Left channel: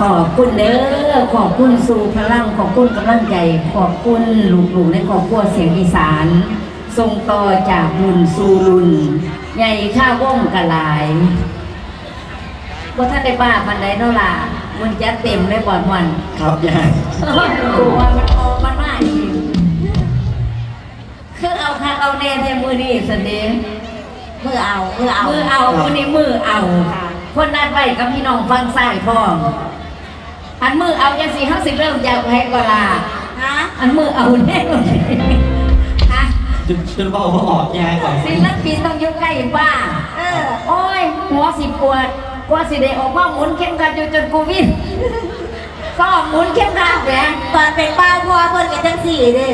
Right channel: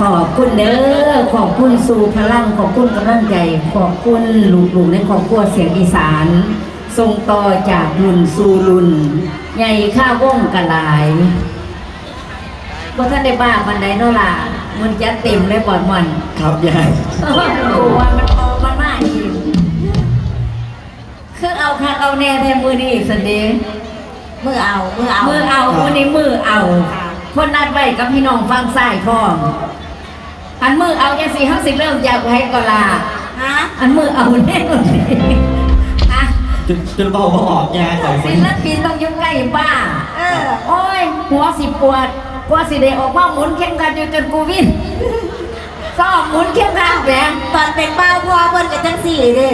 ขอบคุณเด้อขอบคุณสู่พลังขอบคุณกำลังใจขอบคุณลูกๆในครอบครัวเสียงอีสานส่งต่อจากรุ่นสู่รุ่นใหญ่ข้าววงกะหลายว่าท่านได้มาบันไดเนาะล่ะมันจะเต็มเลยบ่อนมันครับยายโอ้ยมันมันมาอีกคือเอาคักเอาแน่แท้มือนี่สันเดย์มือเอามือเอามือเอามือนี้มือเอา คนนัดไว้กับพี่น้องฟังสายพ่อม อันมือเอายังสี่ห้าสิบเริ่มอยากไว้ก็ลาฮะอันมือเอาแน่นอนอะจนจนเบาออกยายก่อนศิลปินต้องอยุ่ใกล้บ้าเออโอ้ยหัวสิปวดกว่าสิได้ออกมาหมุนเข้มขัดจนจนโควิดก็หมุนเข้มขัดแหวนตอนเป็นป้าพ่อเพิ่นกับทั้งสี่เด้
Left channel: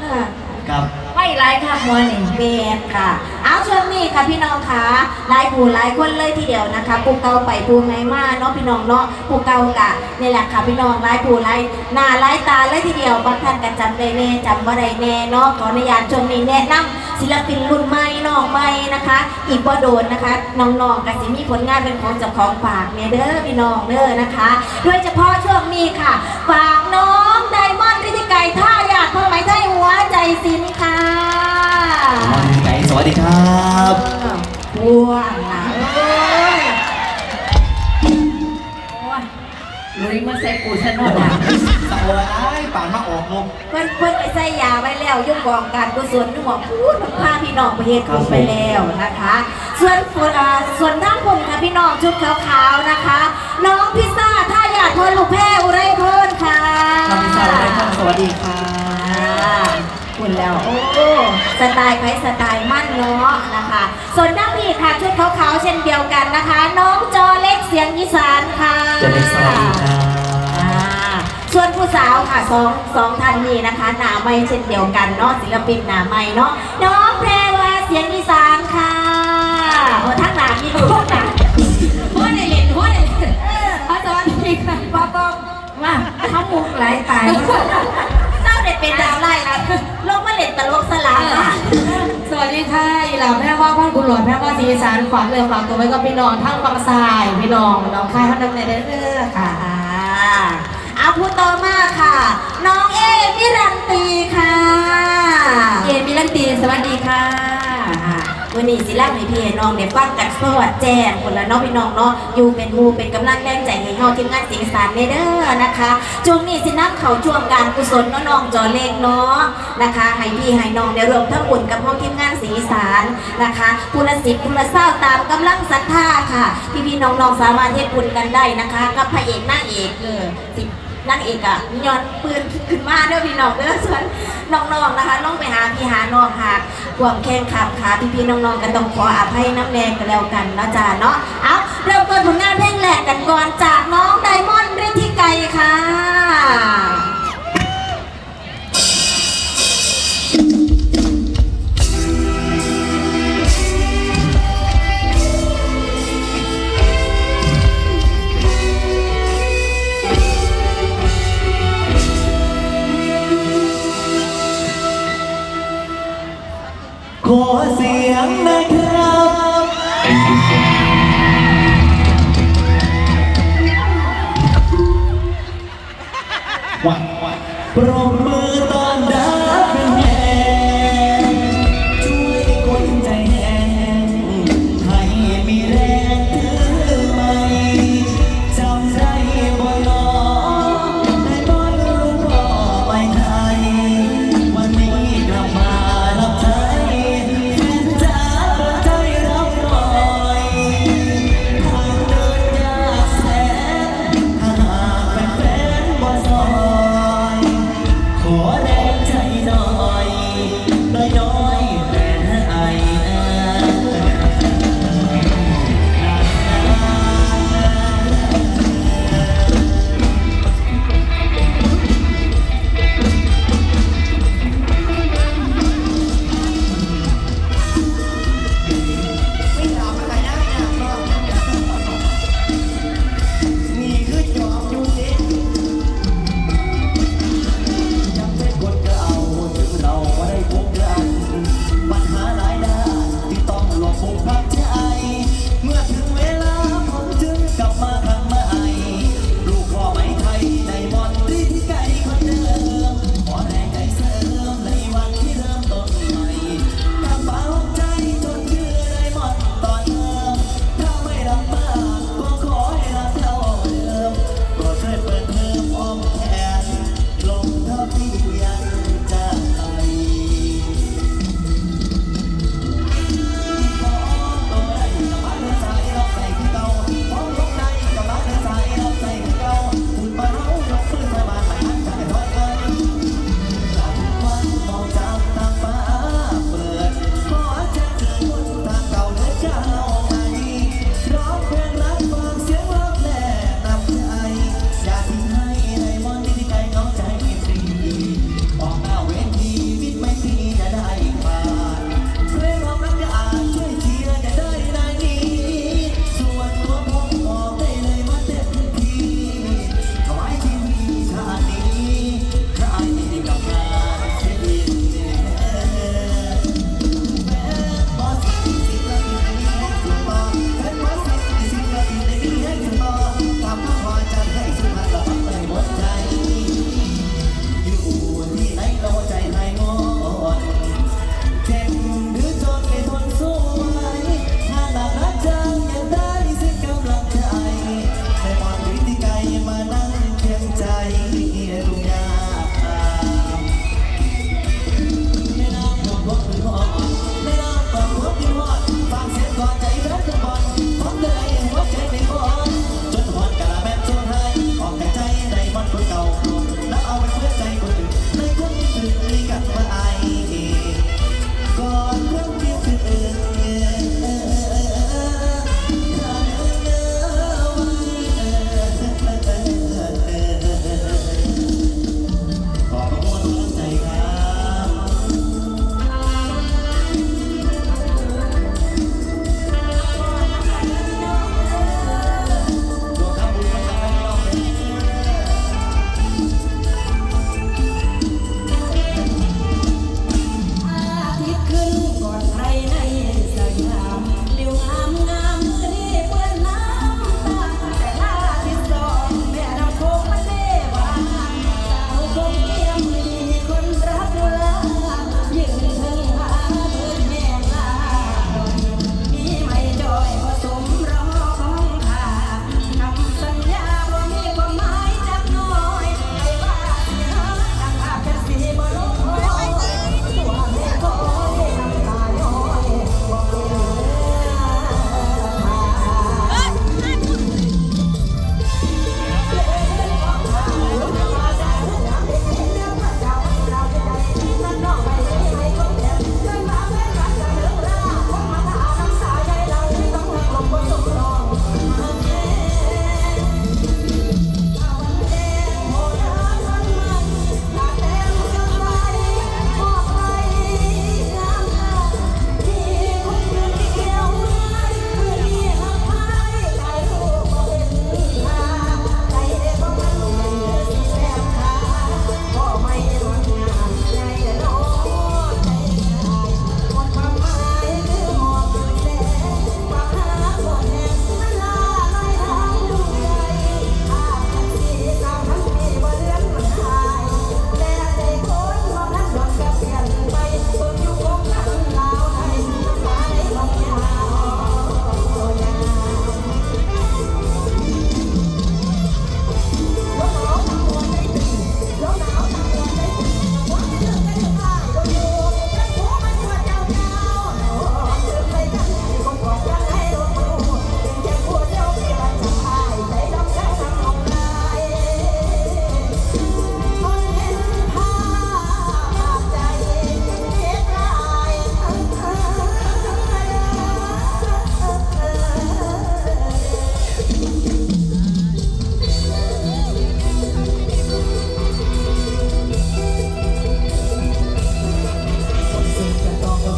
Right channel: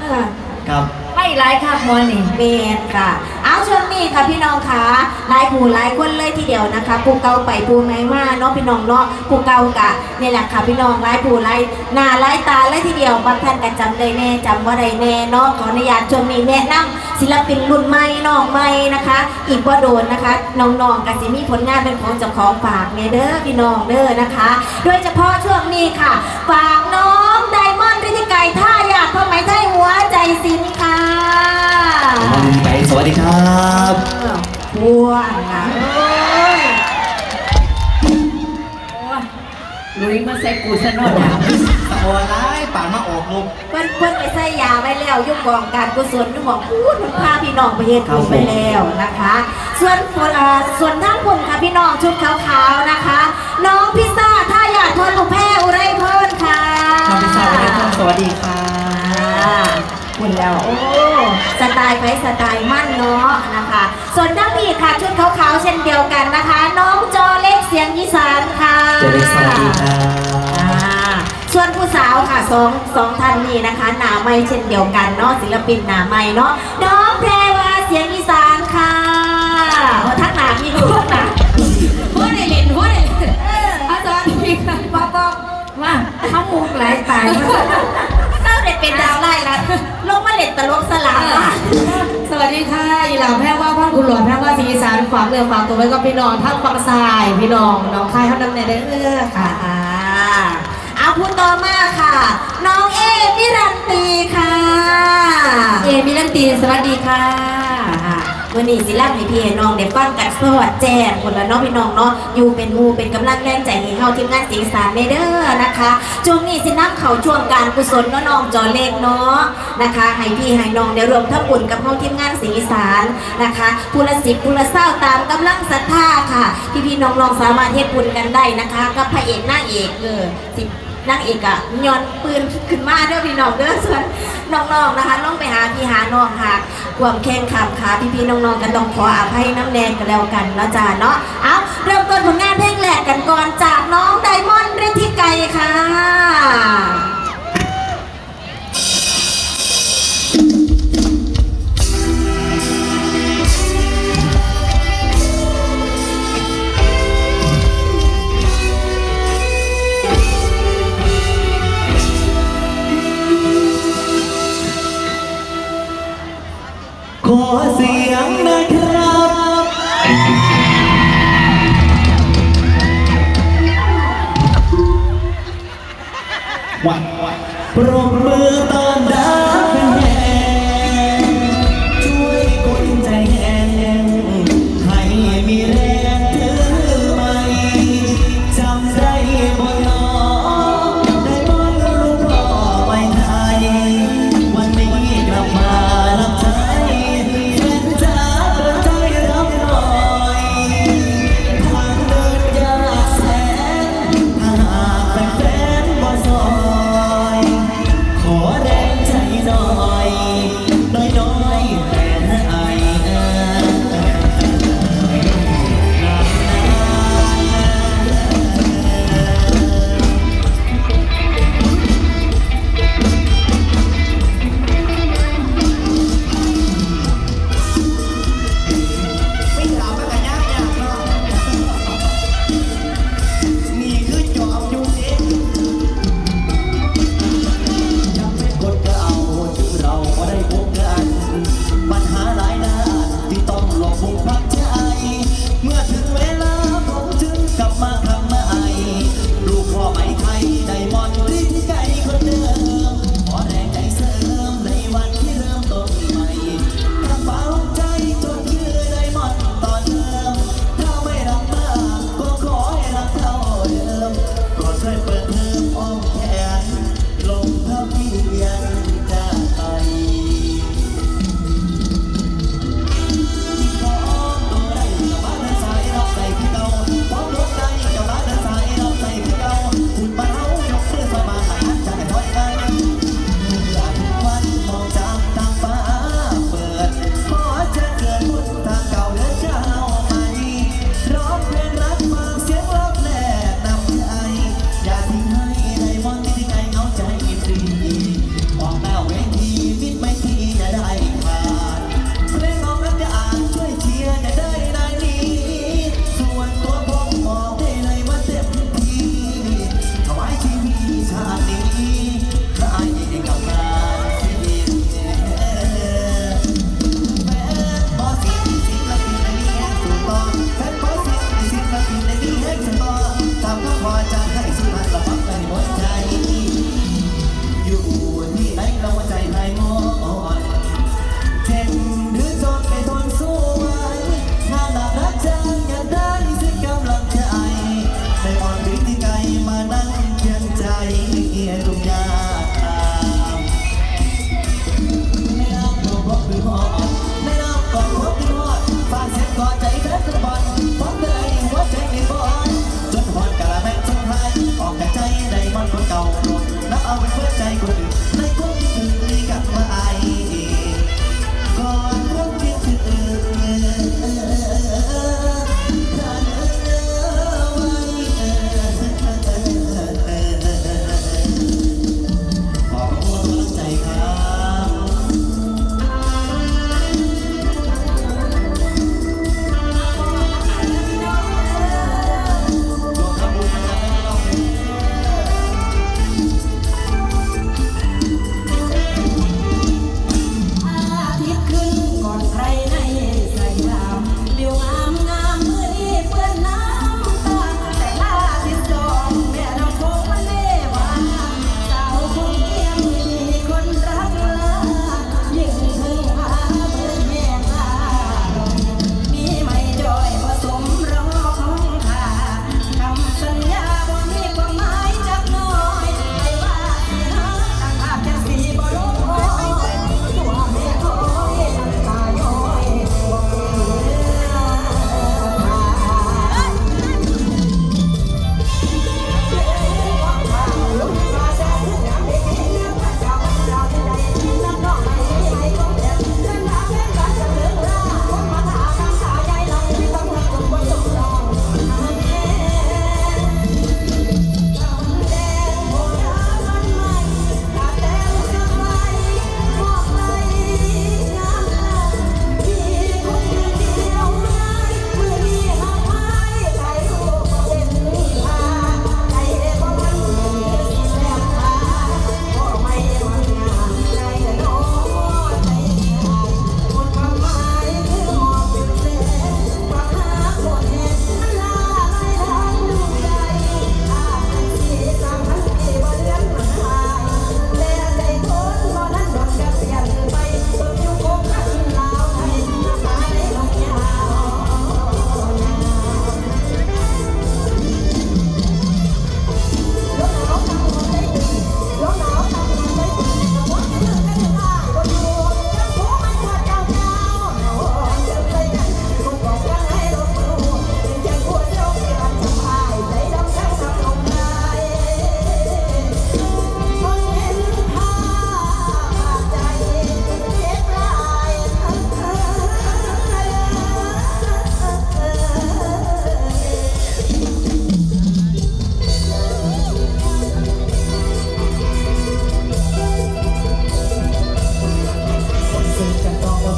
เออครับให้หลายครับมอนี่เบียดค่ะ เอาช่วงนี้ค่ะพี่น้องคะหลายผู้หลายคนเลย ทีเดียวนะคะปูเก่าไปปูใหม่มาเนาะพี่น้องเนาะปูเก่ากะนี่แหละค่ะพี่น้องหลายผู้หลายหน้าหลายตาเลยทีเดียวบางท่านก็จำได้แน่จำว่าได้แน่เนาะขออนุญาตช่วงนี้แนะนำศิลปินรุ่นใหม่น้องใหม่นะคะ อีกว่าโดนนะคะน้องๆก็จะมีผลงานเป็นของเจ้าของฝากเด้อพี่น้องเด้อนะคะ โดยเฉพาะช่วงนี้ค่ะฝากน้องไดมอนด์ทธิไก่ท่าอยากพ่อไหมไทยหัวใจสินค่ะสวัสดีครับบัวาไว้แล้วยุ่งกองการกุศลของพูดมันพาพี่น้องไปเฮ็ดบุญไปแล้วนะคะ ส่วนคนเอ่อส่วนท่านผมค่ะพี่น้องชุดขาวๆนะคะ น้องพิซซ่าท่าอยากทวนลูกแพ้อุไรพรค่ะทำเป็นสาวได้ท่านสวัสดีครับอ่าคุณแล้วโอ้สไตล์ไพสไตล์มั่นเนาะนะคะ ส่วนด้านนี้ค่ะชุดขาวๆเช่นเดียวกันนะคะ น้องจอเล็กเสียงอีสานค่ะเจะได้สวัสดีครั ค่ะสองสองท่านนี้นะคะหนาไม่เช่นเดียวกันเนาะศิลปินหนาไม่เนาะน้องแพรวาเสียงอีสานค่ะท่านหนามีคุณหนาหัวได้เล่นหัวได้เล่นเอออาจารย์พี่ค่ะพอก็ว่าเขามุกหลายตายมากเต้าเด็ดเป็นดาวไล่ละลงมาเด็ดตลกสลามอะสวัสดีค่ะอีหลาแพร่ว่าพ่อคุณหลวงแพร่ว่าสีอีสานฝากเลยฝากตัวไว้กับพี่น้องทั้งฝั่งซ้ายพี่น้องน้องค่ายเท่านั้นเลยเด้อค่ะ อ่าเอาพูดต่อมาค่ะ น้องเอมิรันตีค่ะ เอมิลันตีสวัสดีค่ะอ่าวันนี้สิลาให้พี่ให้น้องได้ฟังกันสวัสดแจ้งคนละน้องพี่น้องเนาะอยู่เป็นหมูเป็นกำลังแรงใจให้เฮาทีมงานสีสานในเด้อนะคะช่วงนี้สินักเขาช่วงการกุศลเนาะน้องจอเล็กเนาะนะคะให้พี่ให้น้องได้รวมทั้งบุญกับเฮาทีมงานสีสานนะคะผู้ละสิบผู้ละเศร้าตามกำลังศรัทธาค่ะ พี่พี่ๆน้องๆสามารถเฮ็ดบุญกันได้นะคะ กับพระเอกหน้างเอกเออสิ นางเอกอะย้อนปืนขึ้นมาเด้อพี่น้องเด้อส่วนน้องๆนะคะน้องไปหาพี่หาน้องหาความแข็งขับขาพี่พี่ๆน้องๆกันต้องขออภัยน้ำแดงกันแล้วกันเนาะจ้าเนาะเอาเริ่มต้นผลงานเพลงแหลกกันก่อนจาเนาะ ขอเสียงนะ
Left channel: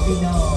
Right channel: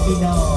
你知